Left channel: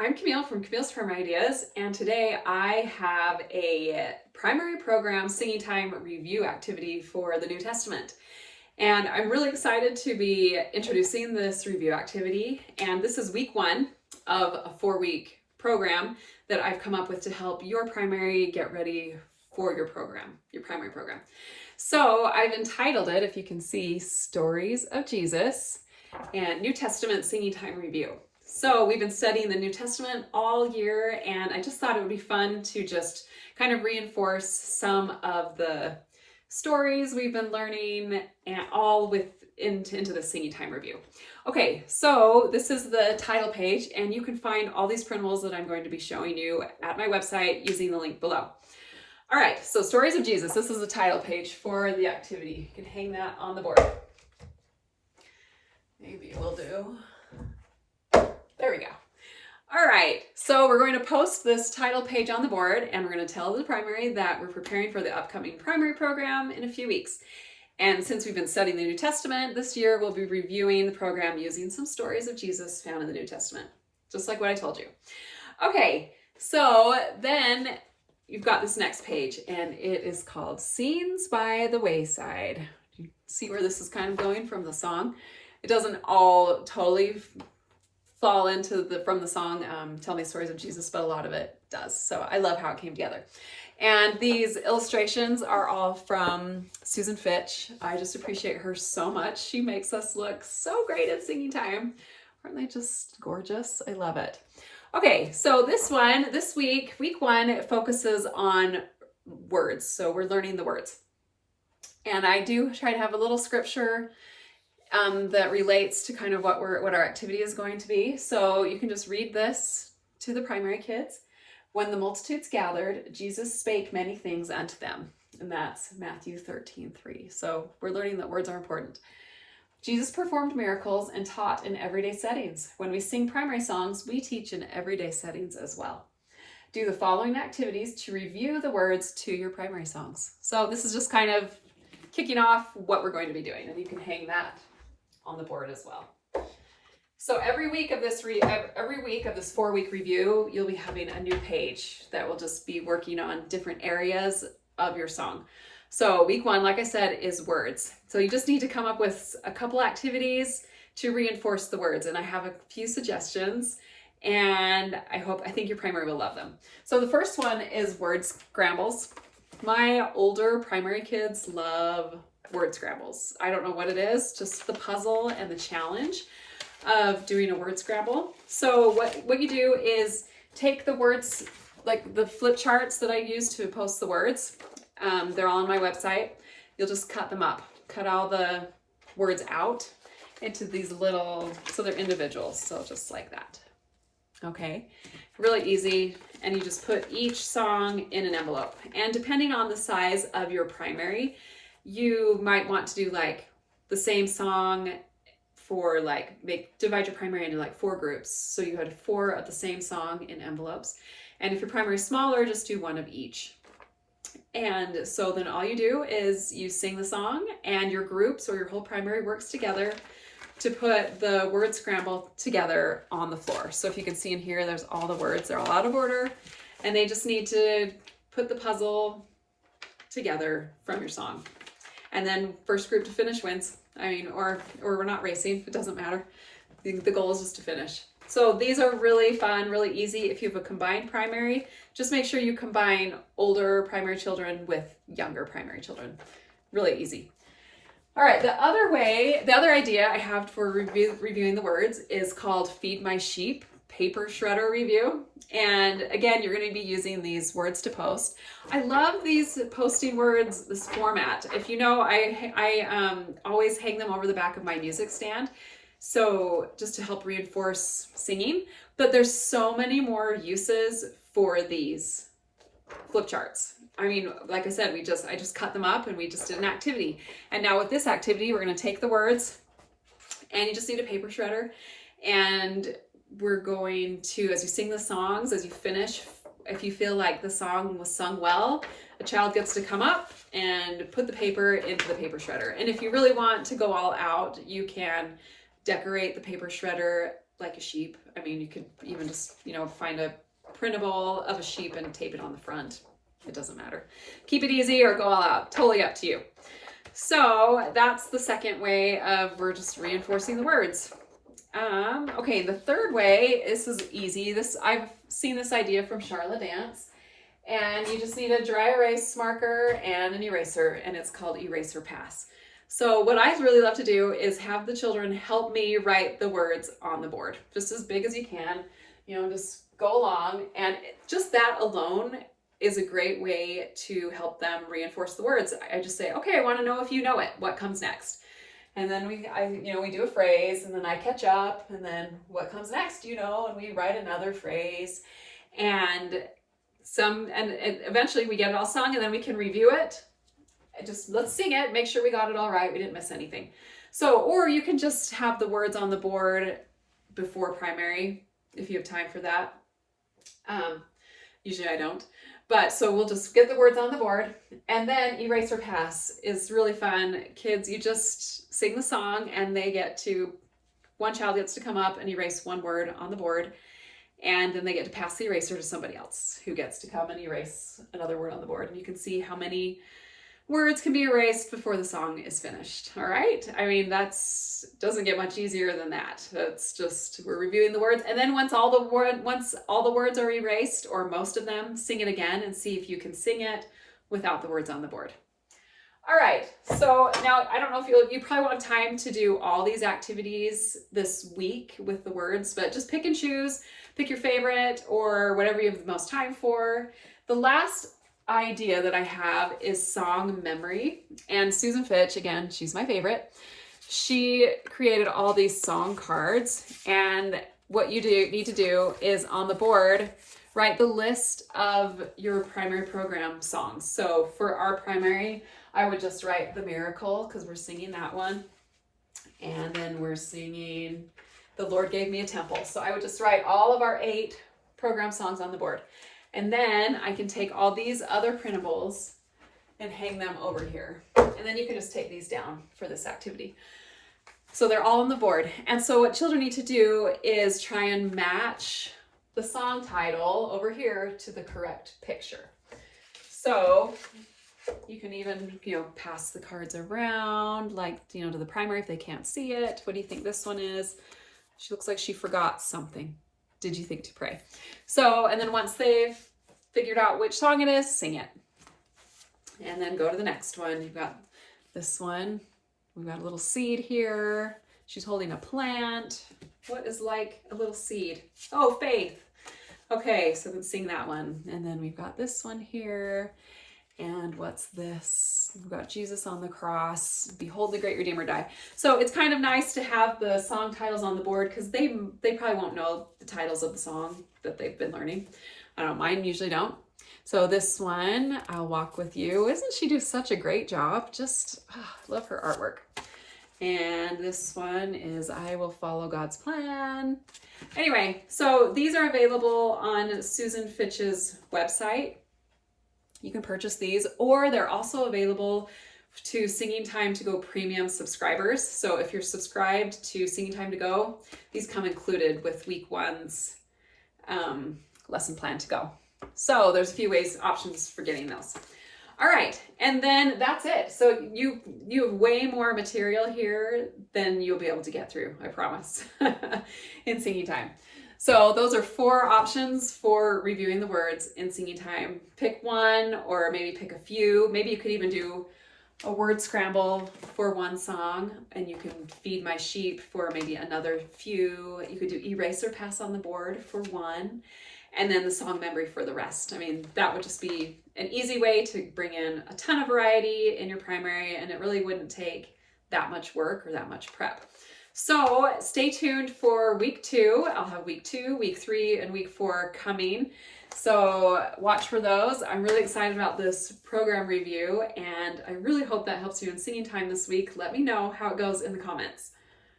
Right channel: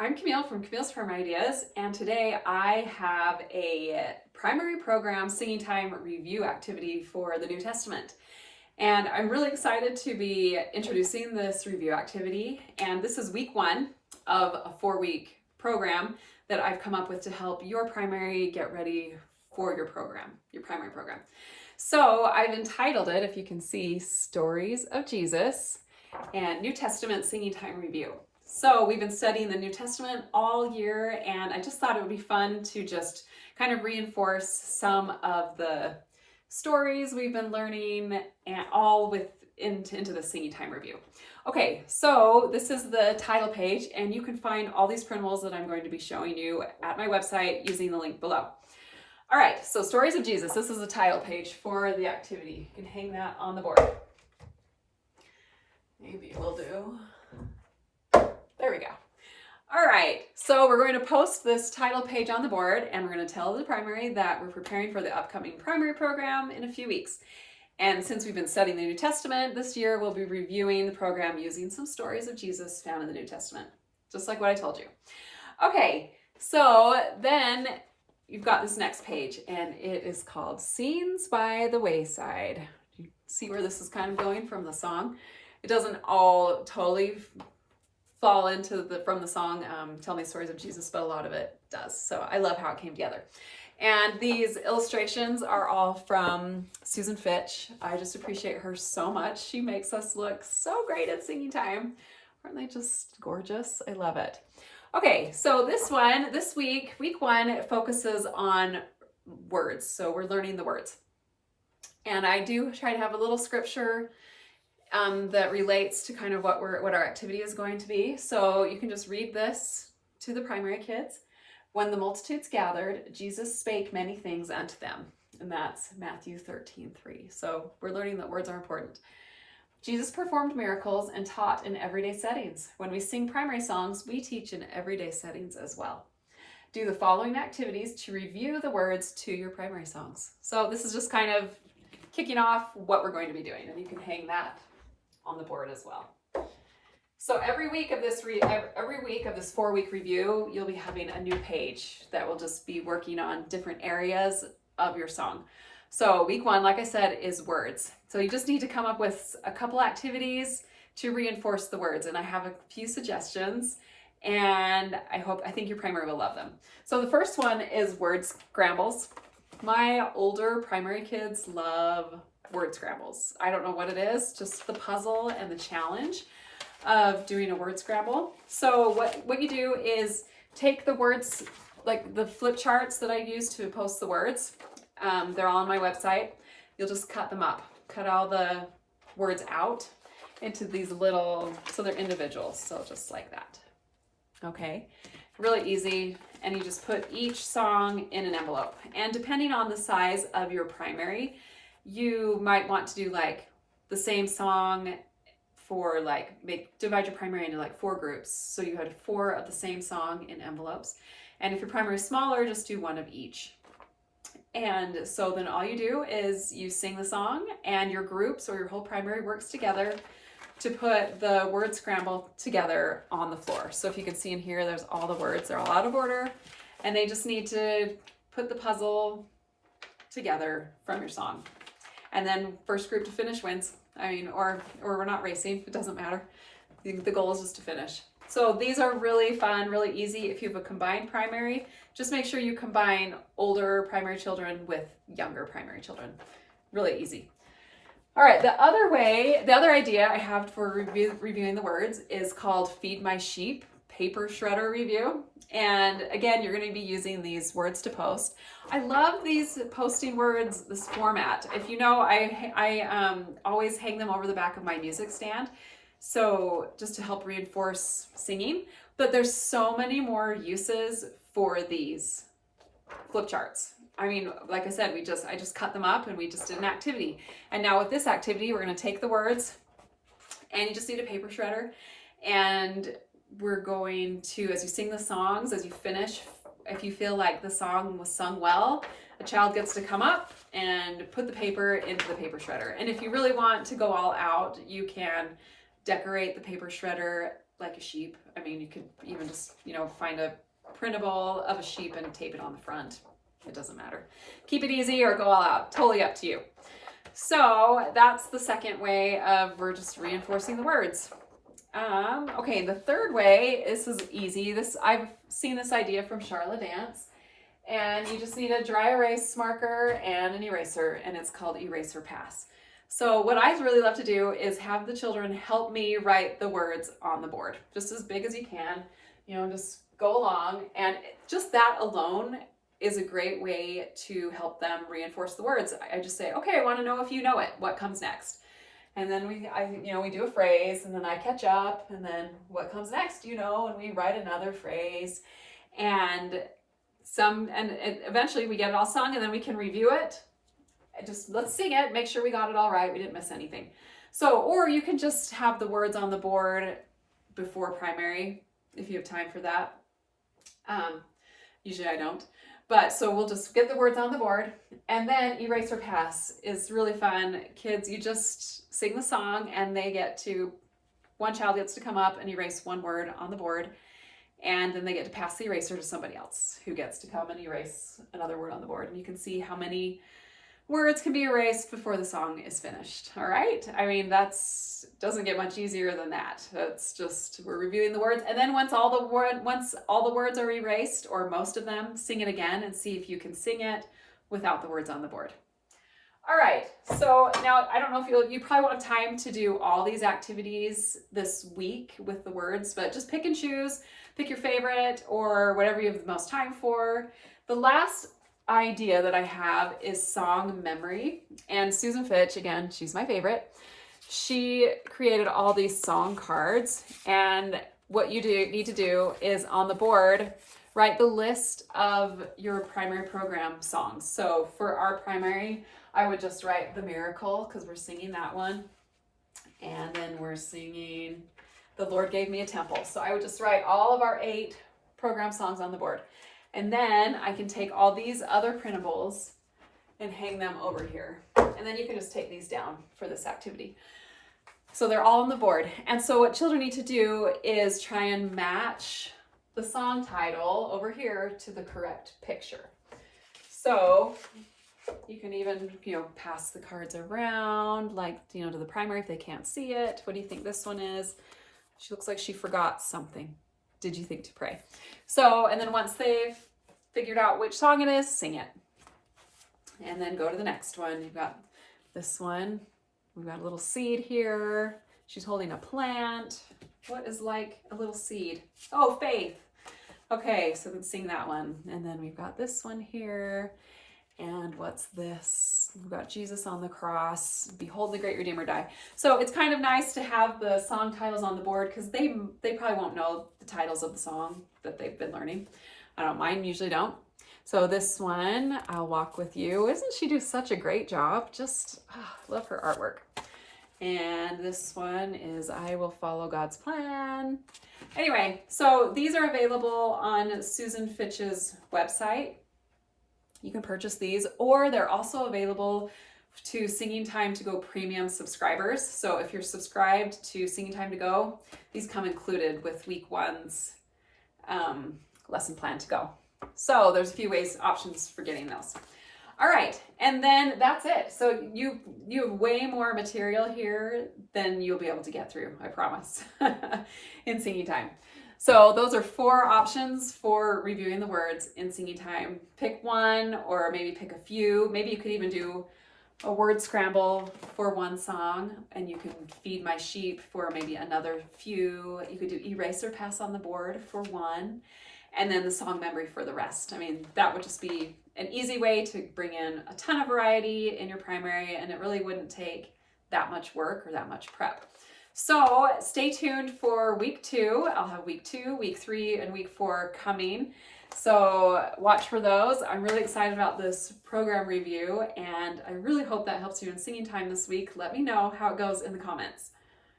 I'm Camille from Camille's Primary Ideas, and today I have a primary program singing time review activity for the New Testament. And I'm really excited to be introducing this review activity. And this is week one of a 4-week program that I've come up with to help your primary get ready for your program, your primary program. So I've entitled it, if you can see, Stories of Jesus and New Testament Singing Time Review. So we've been studying the New Testament all year, and I just thought it would be fun to just kind of reinforce some of the stories we've been learning and all into the singing time review. Okay, so this is the title page, and you can find all these printables that I'm going to be showing you at my website using the link below. All right, so Stories of Jesus. This is the title page for the activity. You can hang that on the board. Maybe we'll do. There we go. All right, so we're going to post this title page on the board, and we're going to tell the primary that we're preparing for the upcoming primary program in a few weeks. And since we've been studying the New Testament this year, we'll be reviewing the program using some stories of Jesus found in the New Testament, just like what I told you. Okay, so then you've got this next page, and it is called Scenes by the Wayside. You see where this is kind of going from the song? It doesn't all totally fall into from the song Tell Me Stories of Jesus, but a lot of it does. So I love how it came together. And these illustrations are all from Susan Fitch. I just appreciate her so much. She makes us look so great at singing time. Aren't they just gorgeous? I love it. Okay, so this week, week one, it focuses on words. So we're learning the words. And I do try to have a little scripture that relates to kind of what our activity is going to be. So you can just read this to the primary kids. When the multitudes gathered, Jesus spake many things unto them. And that's Matthew 13:3. So we're learning that words are important. Jesus performed miracles and taught in everyday settings. When we sing primary songs, we teach in everyday settings as well. Do the following activities to review the words to your primary songs. So this is just kind of kicking off what we're going to be doing, and you can hang that on the board as well. So every week of this 4-week review, you'll be having a new page that will just be working on different areas of your song. So week one, like I said, is words. So you just need to come up with a couple activities to reinforce the words, and I have a few suggestions, and I think your primary will love them. So the first one is word scrambles. My older primary kids love word scrambles. I don't know what it is, just the puzzle and the challenge of doing a word scramble. So what you do is take the words, like the flip charts that I use to post the words. They're all on my website. You'll just cut them up, cut all the words out into these little, so they're individuals. So just like that. Okay, really easy. And you just put each song in an envelope. And depending on the size of your you might want to do like the same song for divide your primary into like 4 groups. So you had 4 of the same song in envelopes. And if your primary is smaller, just do 1 of each. And so then all you do is you sing the song, and your groups or your whole primary works together to put the word scramble together on the floor. So if you can see in here, there's all the words. They're all out of order, and they just need to put the puzzle together from your song. And then first group to finish wins. Or we're not racing, it doesn't matter. The goal is just to finish. So these are really fun, really easy. If you have a combined primary, just make sure you combine older primary children with younger primary children. Really easy. All right, the other idea I have for reviewing the words is called Feed My Sheep Paper Shredder Review. And again, you're going to be using these words to post. I love these posting words, this format. If you know, I always hang them over the back of my music stand. So just to help reinforce singing, but there's so many more uses for these flip charts. Like I said, I just cut them up and we just did an activity. And now with this activity, we're going to take the words, and you just need a paper shredder, and we're going to, as you sing the songs, as you finish, if you feel like the song was sung well, a child gets to come up and put the paper into the paper shredder. And if you really want to go all out, you can decorate the paper shredder like a sheep. I mean, you could even just, find a printable of a sheep and tape it on the front. It doesn't matter. Keep it easy or go all out. Totally up to you. So that's the second way of we're just reinforcing the words. Okay, the third way, this is easy. I've seen this idea from Charlotte Dance, and you just need a dry erase marker and an eraser, and it's called Eraser Pass. So what I really love to do is have the children help me write the words on the board, just as big as you can, just go along, and just that alone is a great way to help them reinforce the words. I just say, okay, I want to know if you know it. What comes next? And then we do a phrase, and then I catch up, and then what comes next, and we write another phrase, and eventually we get it all sung, and then we can review it. Let's sing it, make sure we got it all right, we didn't miss anything. So, or you can just have the words on the board before primary, if you have time for that. Usually I don't. But so we'll just get the words on the board, and then Eraser Pass is really fun. Kids, you just sing the song, and one child gets to come up and erase one word on the board, and then they get to pass the eraser to somebody else who gets to come and erase another word on the board. And you can see how many words can be erased before the song is finished. All right. I mean, doesn't get much easier than that. It's just, we're reviewing the words. And then once all the words are erased, or most of them, sing it again and see if you can sing it without the words on the board. All right. So now I don't know if you probably won't have time to do all these activities this week with the words, but just pick and choose, pick your favorite or whatever you have the most time for. The last idea that I have is song memory, and Susan Fitch, again, she's my favorite. She created all these song cards, and what you need to do is on the board write the list of your primary program songs. So for our primary, I would just write The Miracle, because we're singing that one, and then we're singing The Lord Gave Me a Temple. So I would just write all of our 8 program songs on the board. And then I can take all these other printables and hang them over here. And then you can just take these down for this activity. So they're all on the board. And so what children need to do is try and match the song title over here to the correct picture. So you can even, pass the cards around, like, to the primary if they can't see it. What do you think this one is? She looks like she forgot something. Did you think to pray? So, and then once they've figured out which song it is, sing it. And then go to the next one. You've got this one. We've got a little seed here. She's holding a plant. What is like a little seed? Oh, faith. Okay, so then sing that one. And then we've got this one here. And what's this? We've got Jesus on the cross. Behold the great Redeemer die. So it's kind of nice to have the song titles on the board, because they probably won't know the titles of the song that they've been learning. I don't mind, usually don't. So this one, I'll Walk With You. Isn't she do such a great job? Just love her artwork. And this one is I Will Follow God's Plan. Anyway, so these are available on Susan Fitch's website. You can purchase these, or they're also available to Singing Time to Go premium subscribers. So if you're subscribed to Singing Time to Go, these come included with week 1's lesson plan to go. So there's a few options for getting those. All right, and then that's it. So you have way more material here than you'll be able to get through, I promise, in Singing Time. So those are 4 options for reviewing the words in Singing Time. Pick one, or maybe pick a few. Maybe you could even do a word scramble for one song, and you can Feed My Sheep for maybe another few. You could do Eraser Pass on the board for one, and then the song memory for the rest. I mean, that would just be an easy way to bring in a ton of variety in your primary, and it really wouldn't take that much work or that much prep. So stay tuned for week 2. I'll have week 2, week 3, and week 4 coming. So watch for those. I'm really excited about this program review, and I really hope that helps you in Singing Time this week. Let me know how it goes in the comments.